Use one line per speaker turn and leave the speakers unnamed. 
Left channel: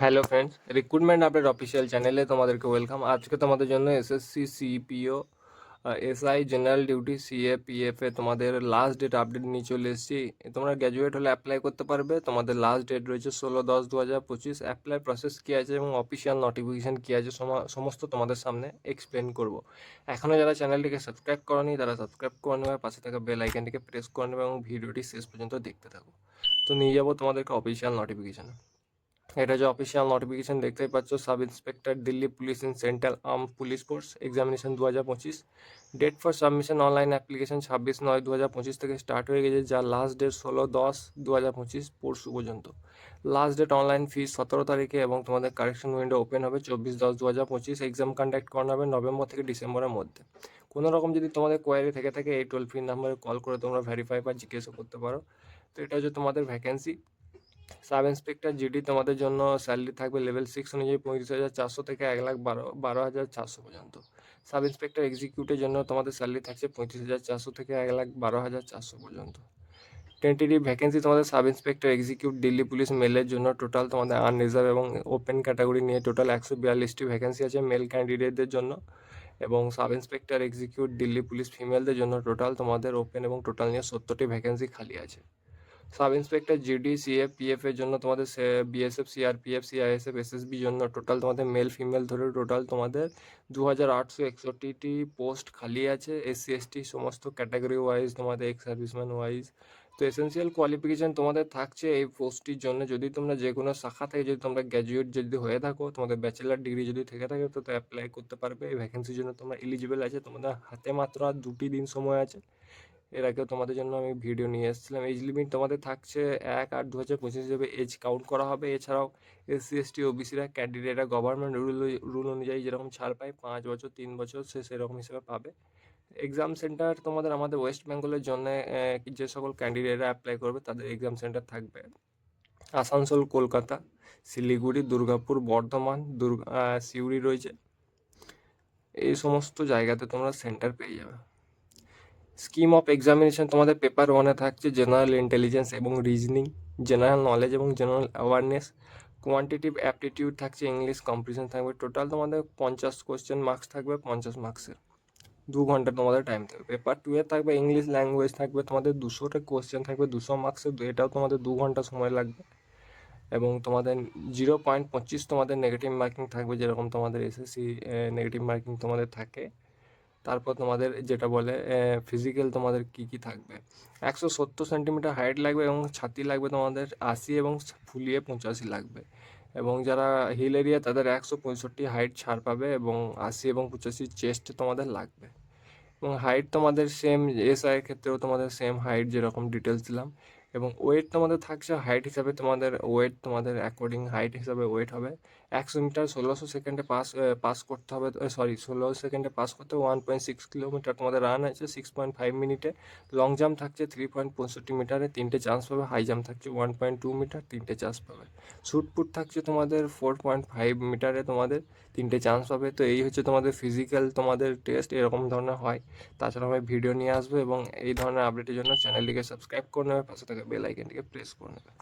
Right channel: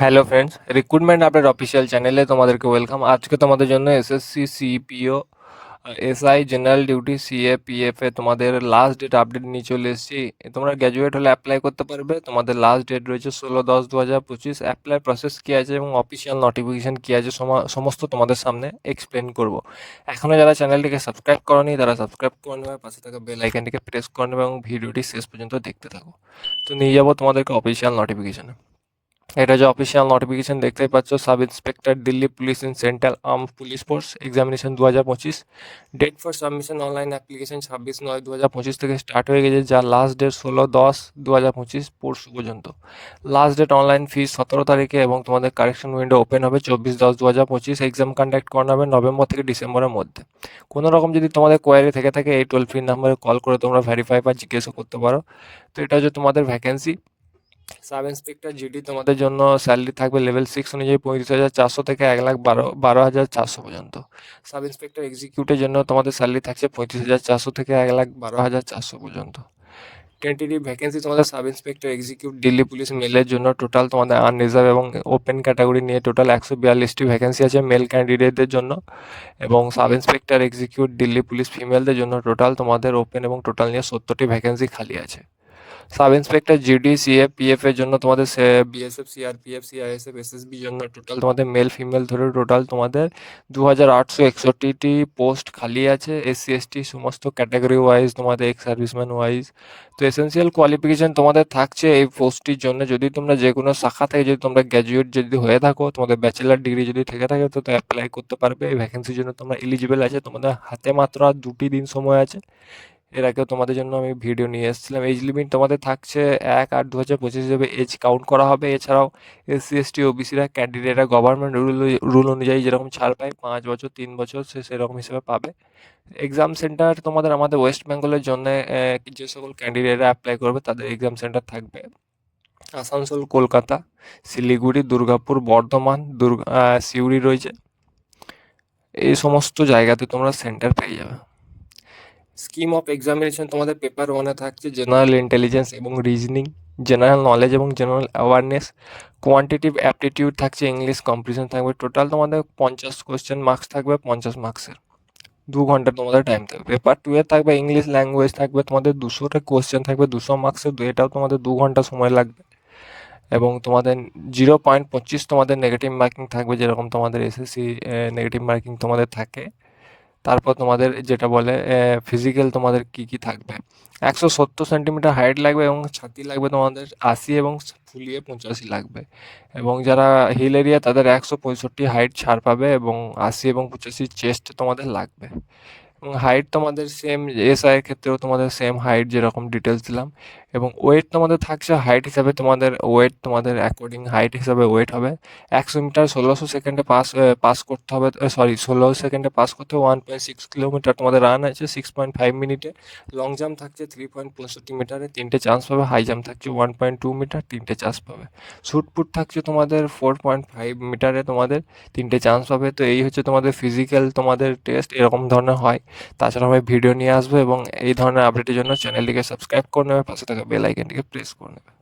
Hello friends recruitment update official চ্যানেলে তোমাদেরকে welcome আজকে তোমাদের জন্য SSC CPO SI general duty CA A তোমাদের লাস্ট ডেট আপডেট নিয়ে চলে এসেছি। তোমরা গ্র্যাজুয়েট হলে অ্যাপ্লাই করতে পারবে। তোমাদের লাস্ট ডেট রয়েছে ষোলো দশ দু হাজার পঁচিশ। অ্যাপ্লাই প্রসেস কী আছে এবং অফিসিয়াল নোটিফিকেশান কী আছে সমা- সমস্ত তোমাদের সামনে এক্সপ্লেন করব। এখনও যারা চ্যানেলটিকে সাবস্ক্রাইব করনি, তারা সাবস্ক্রাইব করে নেবে। পাশে থাকা বেল আইকনটিকে প্রেস করে নেবে এবং ভিডিওটি শেষ পর্যন্ত দেখতে থাকো। তো নিয়ে যাব তোমাদেরকে অফিসিয়াল নোটিফিকেশানে এটা যে অফিসিয়াল নোটিফিকেশন দেখতেই পাচ্ছ sub inspector Delhi police in central arm police force examination দু হাজার পঁচিশ। Date for submission online application ছাব্বিশ নয় দু হাজার পঁচিশ থেকে স্টার্ট হয়ে গেছে, যা লাস্ট ডেট ষোলো দশ দু হাজার পঁচিশ, পরশু পর্যন্ত। লাস্ট ডেট অনলাইন ফিস সতেরো তারিখে এবং তোমাদের কারেকশন উইন্ডো ওপেন হবে চব্বিশ দশ দু হাজার পঁচিশ এক্সাম কন্ডাক্ট করানো হবে নভেম্বর থেকে ডিসেম্বরের মধ্যে। কোনো রকম যদি তোমাদের কোয়ারি থেকে থাকে, এই টোল ফ্রি নাম্বারে কল করে তোমরা ভেরিফাই বা জিজ্ঞেসও করতে পারো। তো এটা হচ্ছে তোমাদের ভ্যাকেন্সি সাব ইন্সপেক্টর জিডি তোমাদের জন্য স্যালারি থাকবে লেভেল সিক্স অনুযায়ী পঁয়ত্রিশ হাজার চারশো থেকে এক লাখ বারো বারো হাজার চারশো পর্যন্ত। সাব ইন্সপেক্টর এক্সিকিউটের জন্য তোমাদের স্যালারি থাকছে পঁয়ত্রিশ হাজার চারশো থেকে এক লাখ বারো হাজার চারশো পর্যন্ত। টেন্টেটিভ ভ্যাকেন্সি তোমাদের sub inspector execute Delhi police মেলের জন্য টোটাল তোমাদের আনরিজার্ভ এবং ওপেন ক্যাটাগরি নিয়ে টোটাল একশো বিয়াল্লিশটি ভ্যাকেন্সি আছে মেল ক্যান্ডিডেটদের জন্য। এবং sub inspector execute Delhi police ফিমেলদের জন্য টোটাল তোমাদের ওপেন এবং টোটাল নিয়ে সত্তরটি ভ্যাকেন্সি খালি আছে। Sub inspector GD CF PF এর জন্য তোমাদের বিএসএফ সিআরপিএফ সিআইএসএফ এসএসবি জন্য টোটাল তোমাদের মেল ফিমেল ধরে টোটাল তোমাদের দু হাজার আটশো একষট্টিটি পোস্ট খালি আছে। এসসি এসটি সমস্ত ক্যাটাগরি ওয়াইজ তোমাদের এক্স সার্ভিসম্যান ওয়াইজ তো এসেন্সিয়াল কোয়ালিফিকেশন তোমাদের থাকছে এই পোস্টটির জন্য। যদি তোমরা যে কোনো শাখা থেকে যদি তোমরা গ্র্যাজুয়েট যদি হয়ে থাকো, তোমাদের ব্যাচেলার ডিগ্রি যদি থেকে থাকে, তো অ্যাপ্লাই করতে পারবে। এই ভ্যাকেন্সির জন্য তোমরা এলিজিবল আছে। তোমাদের হাতে মাত্র আর দুটি দিন সময় আছে। এর আগেও তোমাদের জন্য আমি ভিডিও নিয়ে এসেছিলাম। এজ লিমিট তোমাদের থাকছে এক আট দু হাজার পঁচিশ হিসেবে এজ কাউন্ট করা হবে। এছাড়াও এসসি এসটি ওবিসিরা ক্যান্ডিডেটরা গভর্নমেন্ট রুল রুল অনুযায়ী যেরকম ছাড় পায়, পাঁচ বছর, তিন বছর সে সেরকম হিসেবে পাবে। এক্সাম সেন্টার তোমাদের আমাদের ওয়েস্ট বেঙ্গলের জন্য যে সকল ক্যান্ডিডেটরা অ্যাপ্লাই করবে তাদের এক্সাম সেন্টার থাকবে। আসানসোল, কলকাতা, শিলিগুড়ি, দুর্গাপুর, বর্ধমান, দুর্গা সিউড়ি রয়েছে। এই সমস্ত জায়গাতে তোমরা সেন্টার পেয়ে যাবে। স্কিম অফ এক্সামিনেশন তোমাদের পেপার ওয়ানে থাকছে জেনারেল ইন্টেলিজেন্স এবং রিজনিং জেনারেল নলেজ এবং জেনারেল অ্যাওয়ারনেস কোয়ান্টিটিভ অ্যাপটিটিউড থাকছে ইংলিশ কম্পিটিশন থাকবে টোটাল তোমাদের পঞ্চাশ কোয়েশ্চেন মার্কস থাকবে, পঞ্চাশ মার্কসের দু ঘণ্টা তোমাদের টাইম থাকবে। পেপার টু এ থাকবে ইংলিশ ল্যাঙ্গুয়েজ থাকবে, তোমাদের দুশোটা কোয়েশ্চেন থাকবে, দুশো মার্কসের এটাও তোমাদের দু ঘণ্টা সময় লাগবে। এবং তোমাদের জিরো পয়েন্ট পঁচিশ তোমাদের নেগেটিভ মার্কিং থাকবে, যেরকম তোমাদের এসএসসি নেগেটিভ মার্কিং তোমাদের থাকে। তারপর তোমাদের যেটা বলে ফিজিক্যাল তোমাদের কি কি থাকবে? একশো সত্তর সেন্টিমিটার হাইট লাগবে এবং ছাতি লাগবে তোমাদের আশি এবং ফুলিয়ে পঁচাশি লাগবে। এবং যারা হিল এরিয়া তাদের একশো পঁয়ষট্টি হাইট ছাড় পাবে এবং আশি এবং পঁচাশি চেস্ট তোমাদের লাগবে। এবং হাইট তোমাদের সেম এস এসআইয়ের ক্ষেত্রেও তোমাদের সেম হাইট যেরকম ডিটেলস দিলাম। এবং ওয়েট তোমাদের থাকছে হাইট হিসাবে তোমাদের ওয়েট তোমাদের অ্যাকর্ডিং হাইট হিসাবে ওয়েট হবে। একশো মিটার ষোলোশো সেকেন্ডে পাস পাস করতে হবে সরি ষোলো সেকেন্ডে পাস করতে হবে ওয়ান পয়েন্ট সিক্স কিলোমিটার তোমাদের রান আছে সিক্স পয়েন্ট ফাইভ মিনিটে লং জাম্প থাকছে থ্রি পয়েন্ট পঁয়ষট্টি মিটারে তিনটে চান্স পাবে হাই জাম্প থাকছে ওয়ান পয়েন্ট টু মিটার তিনটে চান্স পাবে। শুটপুট থাকছে তোমাদের ফোর পয়েন্ট ফাইভ মিটারে তোমাদের, তিনটে চান্স পাবে। তো এই হচ্ছে তোমাদের ফিজিক্যাল তোমাদের টেস্ট এরকম ধরনের হয়। তাছাড়া আমি ভিডিও নিয়ে আসব এবং এই ধরনের আপডেটের জন্য চ্যানেলটিকে সাবস্ক্রাইব করে নেবে, পাশে থাকা বেল আইকনটিকে প্রেস করে নেবে